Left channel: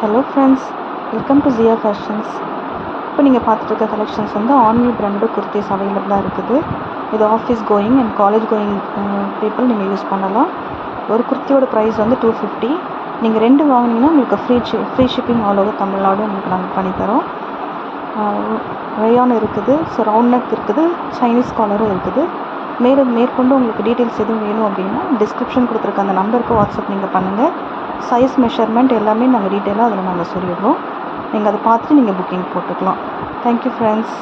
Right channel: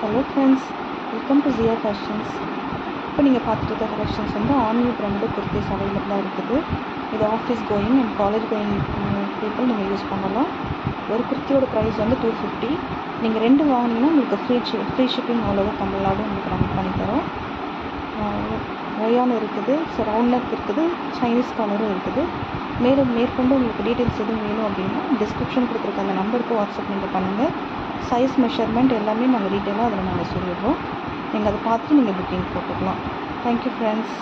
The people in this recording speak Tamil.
Hello friends, welcome to Jiya fashions. இப்போ நீங்கள் பார்த்துட்டு இருக்க கலெக்ஷன்ஸ் வந்து ஆன்லி பிராண்டட் குர்த்திஸ் அவைலபிளாக இருக்குது. இது office going and college going people நீங்கள் யூஸ் பண்ணலாம். ஒரு குர்த்தியோட ப்ரைஸ் வந்து 250. நீங்கள் 2 வாங்கினீங்கன்னா உங்களுக்கு free shipping all over Tamil Nadu உங்களுக்கு நாங்கள் பண்ணித்தரோம். ரயான் இருக்குது, ஸோ ரவுண்ட் நெக் இருக்குது, சைனீஸ் காலரும் இருக்குது. மேற்கொண்டு உங்களுக்கு டீட்டெயில்ஸ் எதுவும் வேணும் அப்படின்னா டிஸ்கிரிப்ஷன் கொடுத்துருக்க அந்த நம்பருக்கு வாட்ஸ்அப் நீங்கள் பண்ணுங்கள். சைஸ் மெஷர்மெண்ட் எல்லாமே நாங்கள் டீட்டெயிலாக அதில் நாங்கள் சொல்லிடுறோம். நீங்கள் அதை பார்த்துட்டு நீங்கள் புக்கிங் போட்டுக்கலாம். Thank you friends.